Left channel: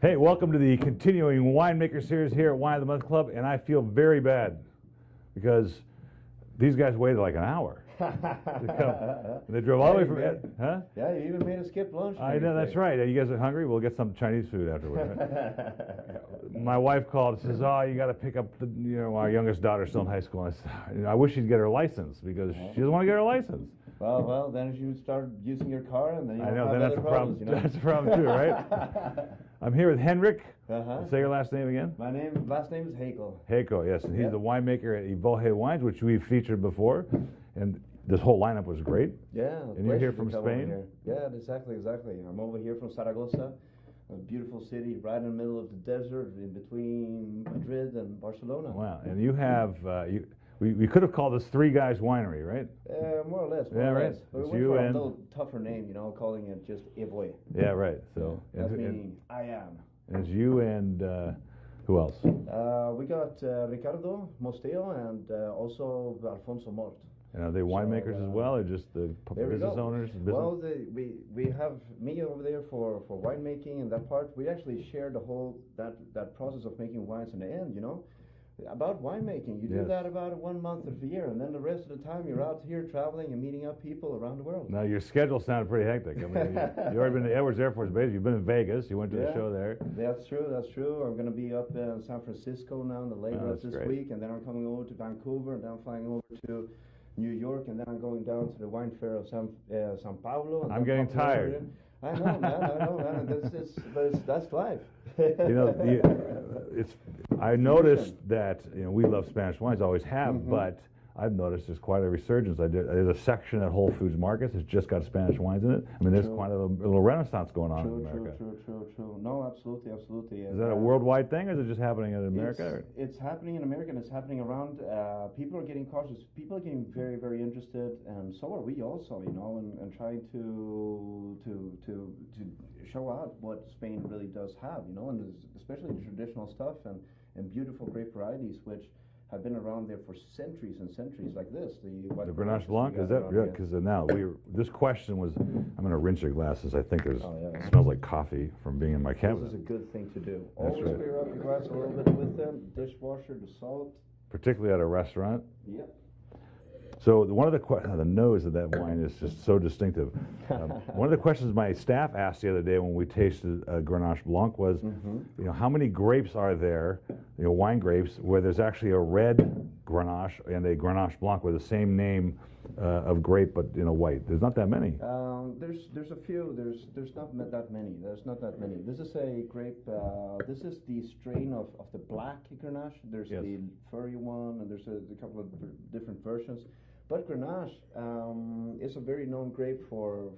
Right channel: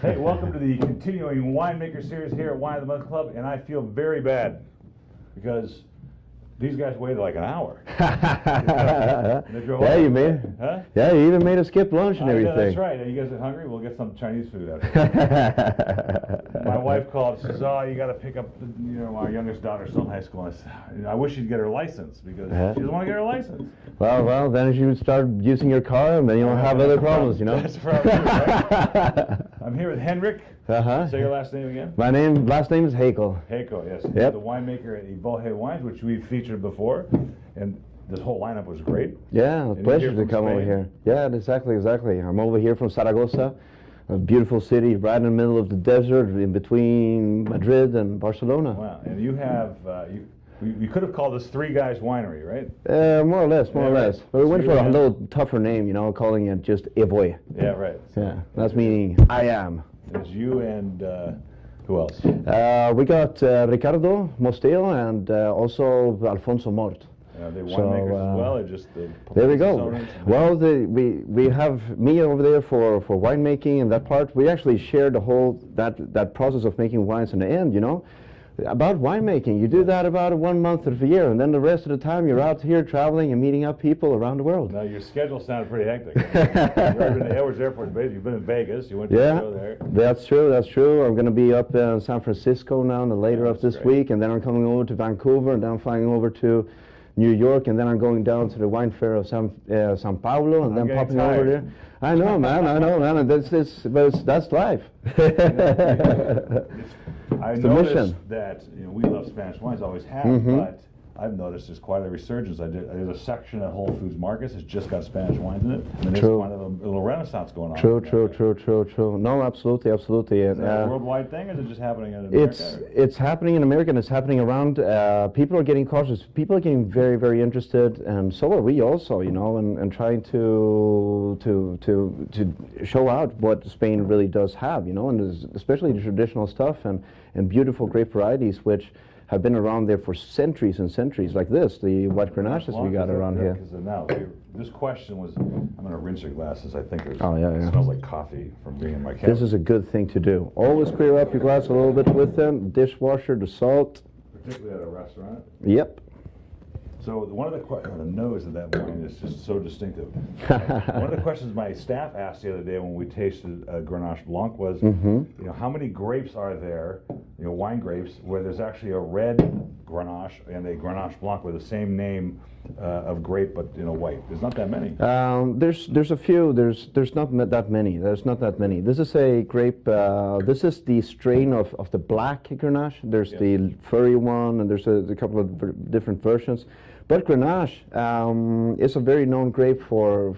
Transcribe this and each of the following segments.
Hey, welcome to the continuing winemaker series here at Wine of the Month Club, and I feel very bad because these guys waited like an hour. They drove Yeah, all you the way. made. Huh? Yeah, you even made us skip lunch and everything. That's right. You guys are hungry? We'll get some Chinese food after. My wife called and says, "Oh, you got to pick up our youngest daughter's still in high school." I wish she'd get her license because she doesn't want to get her license. Well, then you would start using your car, and then you'll have other problems, you know. That's the problem, right? I'm here with Henrik. Say your last name again. My last name is Heikel. Heikel, yes. Yep. You're the winemaker at Evohe Wines, which we've featured before, and this whole lineup was great. Yeah, a pleasure to come over here. Yeah, exactly. I'm over here from Zaragoza, a beautiful city right in the middle of the desert, in between Madrid and Barcelona. Wow, and you have. We could have called this Three Guys Winery, right? More or less. But we went for a little tougher name, calling it just Evohe. Yeah, right. So yeah, that's meaning I am. There's you and who else? We got Ricardo Mostillo and also Alfonso Mort. Are they winemakers as well, or just the there we go. Well, we have me over there for winemaking and that part. We actually share the whole that process of making wines in the end, About winemaking, you do that about 1 month of the year, and then the rest of the time you're out here traveling and meeting up people around the world. Now your schedule sounded pretty hectic. You've already been at Edwards Air Force Base. You've been in Vegas. You went to the show there. That's true. I'm going to be up in San Francisco now later of this week, and then I'm coming over to Vancouver, and then I'm flying over to New York, and then I'm going down to the wine fair of San Paulo, and then popping over there. I know, man. That's life. I noticed that we love Spanish wines, always have, but I've noticed there's quite a resurgence. There's a section at Whole Foods Markets that's just got Spanish wines in it. And there's quite a little renaissance going on. True. No, absolutely. Is that a worldwide thing, or is it just happening in America? It's happening in America, and it's happening around. People are getting cautious. People are getting very, very interested, and so are we also, and trying to show out what Spain really does have, and especially the traditional stuff and beautiful grape varieties, which have been around there for centuries and centuries, like this, the white Garnachas we got around here. Because now, this question was, I'm going to rinse your glasses. I think it yeah. smells like coffee from being in my camera. This is a good thing to do. Always clear up your glass a little bit with them, dishwasher, the salt. Particularly at a restaurant. Yep. So one of the nose of that wine is just so distinctive. One of the questions my staff asked the other day when we tasted Garnacha Blanc was, how many grapes are there, wine grapes, where there's actually a red Grenache and a Garnacha Blanc with the same name of grape, but white? There's not that many. There's a few. There's not that many. This is a grape. This is the strain of the black Grenache. There's the furry one, and there's a couple of different versions. But Grenache is a very known grape for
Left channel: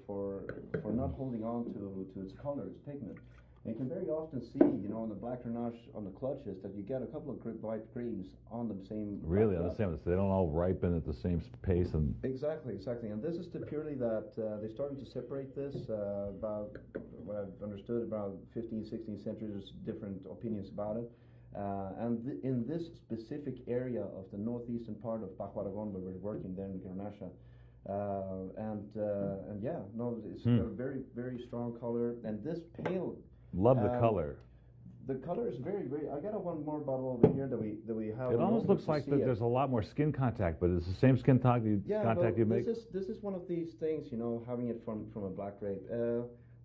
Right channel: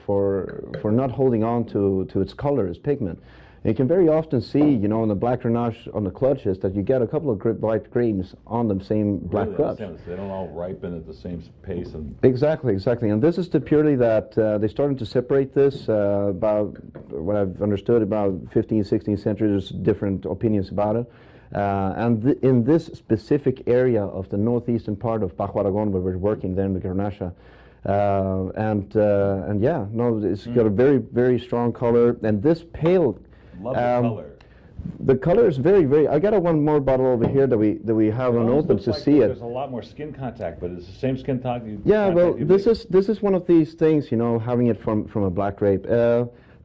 not holding on to its color, its pigment. And you can very often see, in the black Grenache on the clutches that you get a couple of white grains on the same black clutch. They don't all ripen at the same pace. Exactly. And this is the purity that they started to separate this about, what I've understood, about 15th, 16th century. There's different opinions about it. And in this specific area of the northeastern part of Bajo Aragon, where we're working there in the Garnacha, it's got a very, very strong color. And this pale, love the color. The color is very, very. I got one more bottle over here that we have unopened to see it. There's a lot more skin contact, but it's the same skin contact. This is one of these things, having it from a black grape.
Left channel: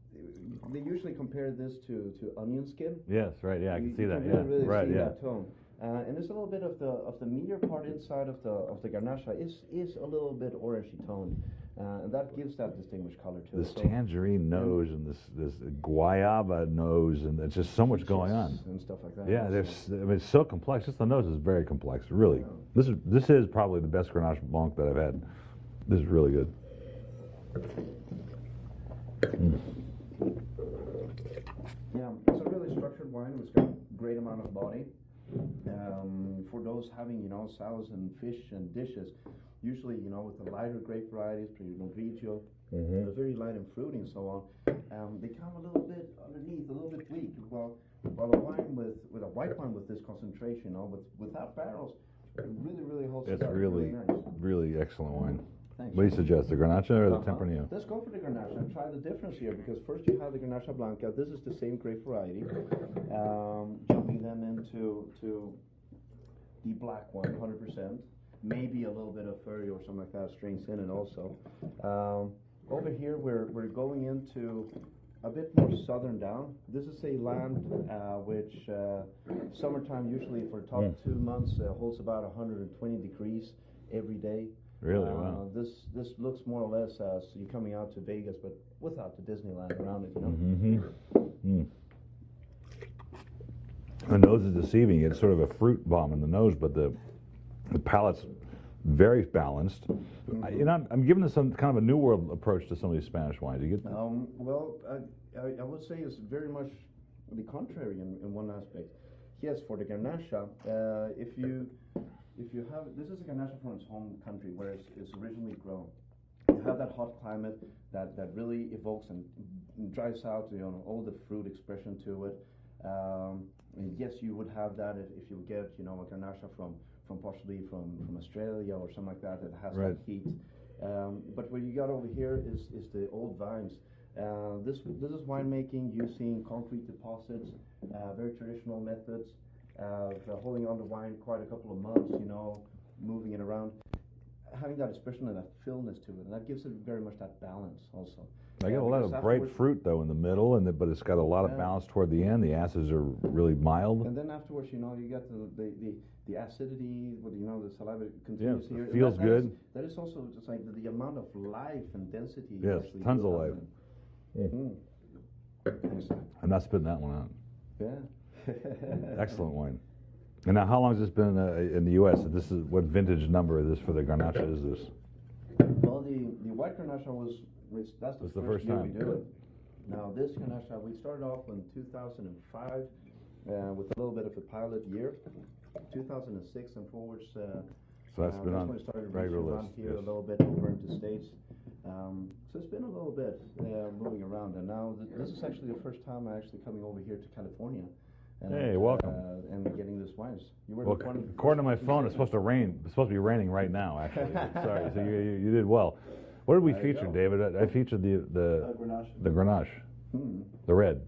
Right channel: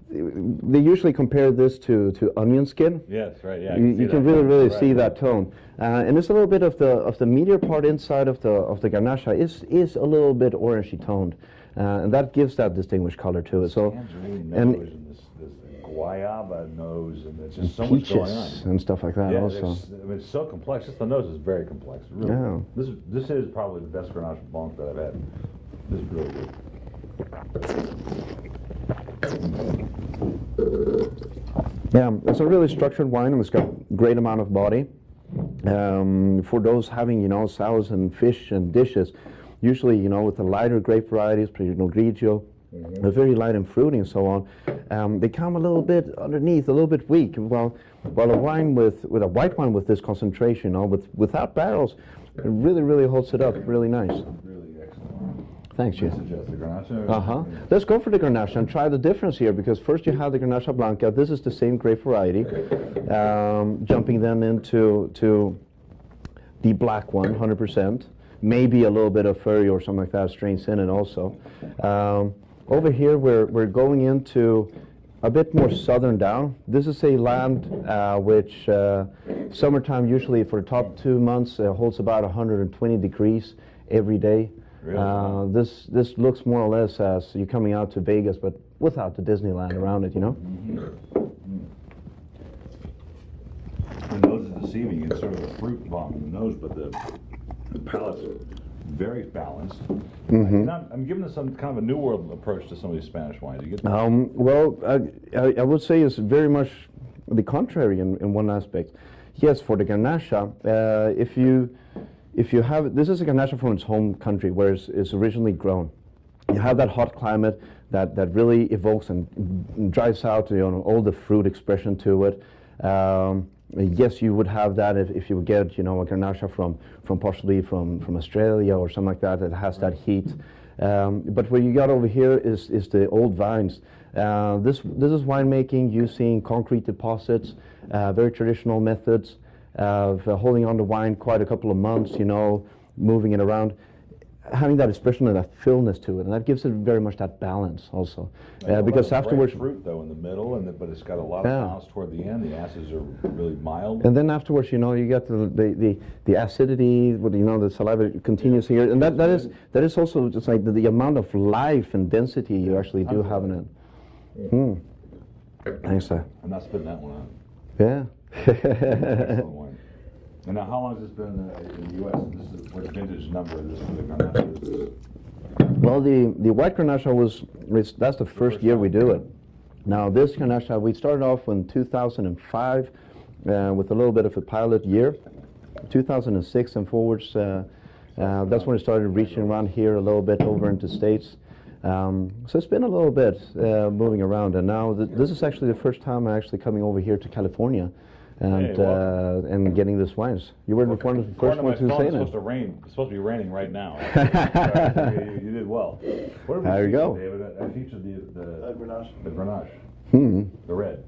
They usually compare this to onion skin. Yes, right. Yeah, you can really see that tone, and it's a little bit of the meatier part inside of the Garnacha is a little bit orangey toned, and that gives that distinguished color to it. So tangerine nose and this guayaba nose, and it's just so much going on and stuff like that. Yeah, also, it's so complex. Just the nose is very complex. Really, this is probably the best Garnacha Blanc that I've had. This is really good. Yeah, it's a really structured wine, and it's got a great amount of body. For those having, sours and fish and dishes, usually, with the lighter grape varieties, Pinot Grigio, they're very light and fruity and so on. They come a little bit underneath, a little bit weak. While a wine with a white wine with this concentration, without barrels, it really holds it up. Really nice. Really excellent wine. Thanks. What do you suggest, the Garnacha or the Tempranillo? Let's go for the Garnacha and try the difference here, because first you have the Garnacha Blanca. This is the same grape variety. Jumping then into the black one, 100%. Maybe a little bit of furry or something like that, strains in it also. Over here we're going into a bit more southern down. This is a land which summertime usually for the top 2 months holds about 120 degrees every day. Really? This looks more or less as you're coming out to Vegas, but without the Disneyland around it, you know? The nose is deceiving. It's sort of a fruit bomb in the nose, but the palate's very balanced. I'm giving this some kind of a New World approach to some of these Spanish wines. You get that? Well, I would say it's very much the contrary in one aspect. Yes, for the Garnacha, if you have, this is a Garnacha from its home country where it's originally grown. You have that hot climate that really evokes and drives out all the fruit expression to it. Yes, you would have that if you would get a Garnacha from possibly from Australia or something like that has that heat. But what you got over here is the old vines. This is winemaking using concrete deposits, very traditional methods of holding on to wine quite a couple of months, moving it around, having that expression and that fullness to it, and that gives it very much that balance also. Because afterwards, fruit though in the middle, but it's got a lot of balance toward the end. The acids are really mild. And then afterwards, you got the acidity, the saliva continues here, and that is also just like the amount of life and density you actually do have in it. Thanks, sir. I'm not spitting that one out. Yeah. Excellent wine. And now, how long has this been in the U.S.? This is what vintage number is this for the Garnacha? Is this? Well, the white Garnacha that's the first year we do it. Now, this Garnacha, we started off in 2005 with a little bit of a pilot year. 2006 and forwards, that's when it started reaching around here a little bit over into States. So it's been a little bit moving around, and now this is actually the first time I'm actually coming over here to California and getting this wines. You were the first one to say it. It's supposed to be raining right now. You did well. What did we feature, David? I featured the Grenache. The red.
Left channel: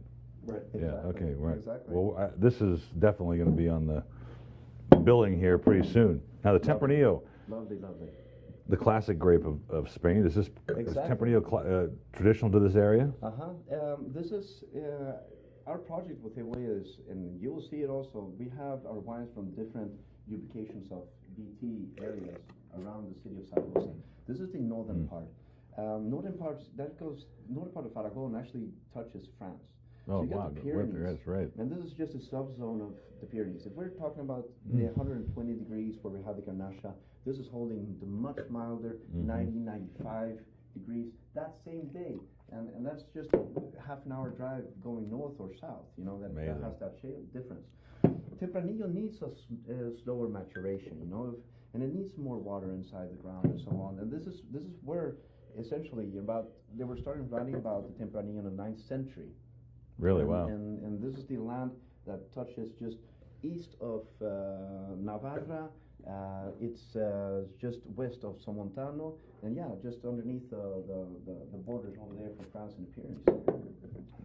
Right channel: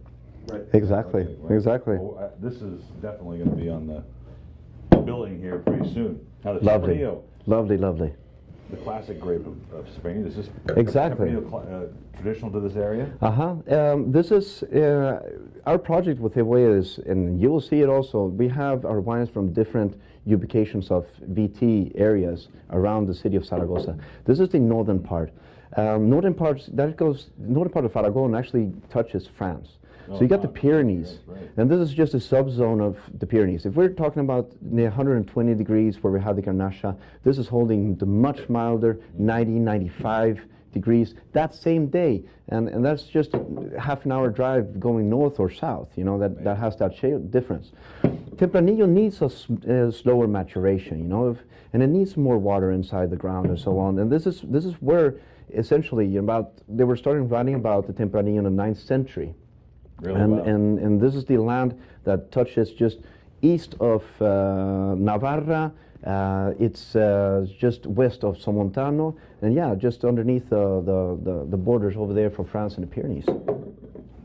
Right. Exactly. Yeah, okay, right. Exactly. Well, this is definitely going to be on the billing here pretty soon. Now the Tempranillo. Lovely. The classic grape of Spain. Is this Tempranillo traditional to this area? This is our project with Evohe is, and you will see it also. We have our wines from different ubications of VT areas around the city of Zaragoza. This is the northern part. Northern part of Aragon actually touches France. So you got the Pyrenees, and this is just a subzone of the Pyrenees. If we're talking about near 120 degrees where we have the Garnacha, this is holding the much milder 90, 95 degrees that same day, and that's just a half an hour drive going north or south. That has that difference. Tempranillo needs a slower maturation, and it needs more water inside the ground and so on. And this is where essentially they were starting writing about the Tempranillo in the 9th century. Really? And this is the land that touches just east of Navarra. It's just west of Somontano, and just underneath the borders over there for France and the Pyrenees.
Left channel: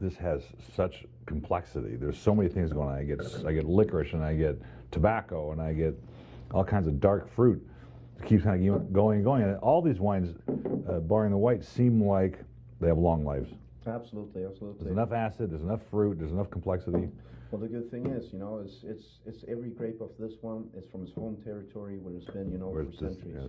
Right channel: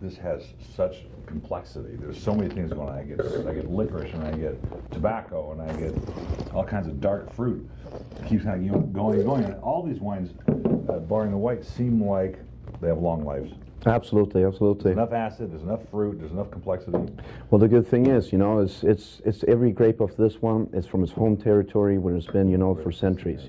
This has such complexity. There's so many things going on. I get licorice, and I get tobacco, and I get all kinds of dark fruit. It keeps kind of going and going. And all these wines, barring the white, seem like they have long lives. Absolutely. There's enough acid, there's enough fruit, there's enough complexity. Well, the good thing is, it's every grape of this one is from its home territory where it's been, for centuries.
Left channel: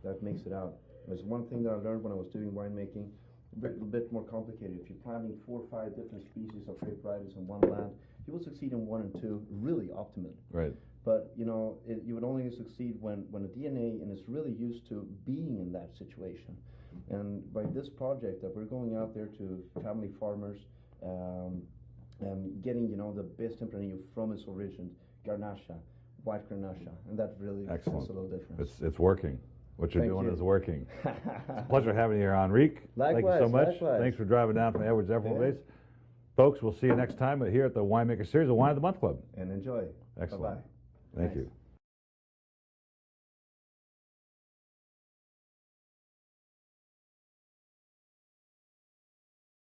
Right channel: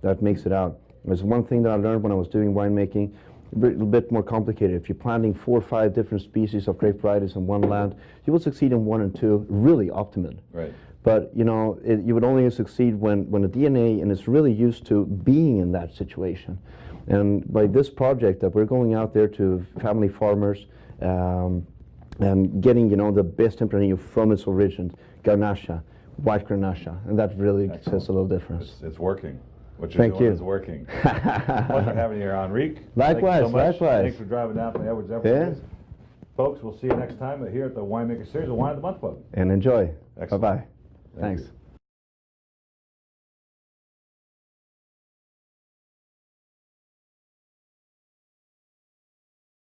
That makes it out. There's one thing that I learned when I was doing winemaking, a little bit more complicated. If you're planting 4 or 5 different species of grape varieties in one land, you will succeed in 1 and 2 really optimum. Right. But you would only succeed when the DNA and it's really used to being in that situation. And by this project that we're going out there to family farmers and getting the best Tempranillo from its origin, Garnacha, white Garnacha, and that really says a little difference. It's working. What you're doing is working. Pleasure having you here, Henrik. Likewise, Thank you so much. likewise. Thanks for driving down from Edwards Everglades. Folks, we'll see you next time here at the Winemaker Series, the Wine of the Month Club. And enjoy. Excellent. Bye-bye. Thank Thanks. you.